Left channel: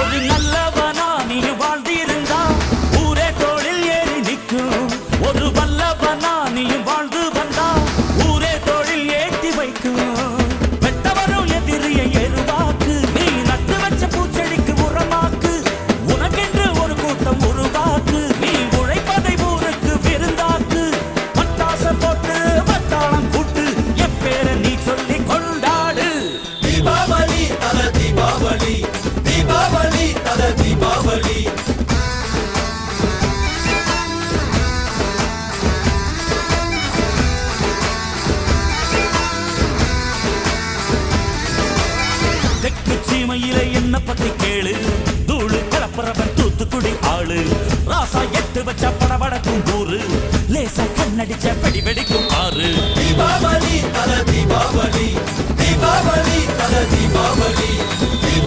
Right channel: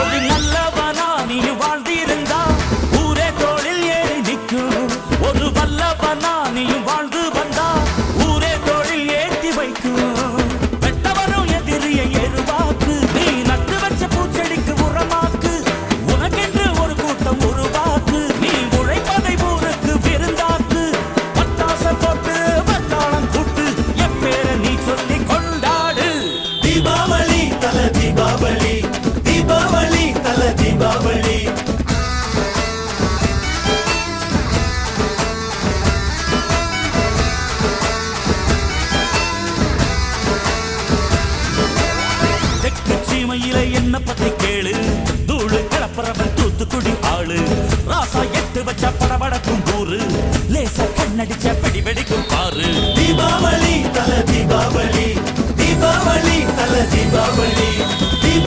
ஒரு நல்லவனா நீ வாழ்ந்திருந்தா ஊரே தோளில் ஏறி நிற்கும். ஒரு வல்லவனா நீயும் வாழ்ந்து வந்தா ஊரே தோளில் ஏற்றி வைக்கும். வெட்டவரும் எதிரியை எருவாக்கு, நீ நட்டு வச்ச பூச்செடிக்கு உரமாக்கு. உனக்கென்று ஒரு கூட்டம் உருவாக்கு, நீ உழைப்பதை ஊருக்கு விருந்தாக்கு. பட்டாச போட்டு பட்டாளம் கூட்டு, எப்பேர நீ சொல்லி கொண்டாடு. தீபாவளி தல தீபாவளி, தீபாவளி தல தீபாவளி. தெற்கு சீமையில என்ன பத்தி கேளு, தூளு கிளப்புறவன் தூத்துக்குடி ஆளு. ராசா எட்டு வச்ச படபடக்கும் கூறு, லேசா கண்ணடிச்ச வெடி வெடிக்கும் பாரு. தீபாவளி தல தீபாவளி, தீபாவளி தல தீபாவளி.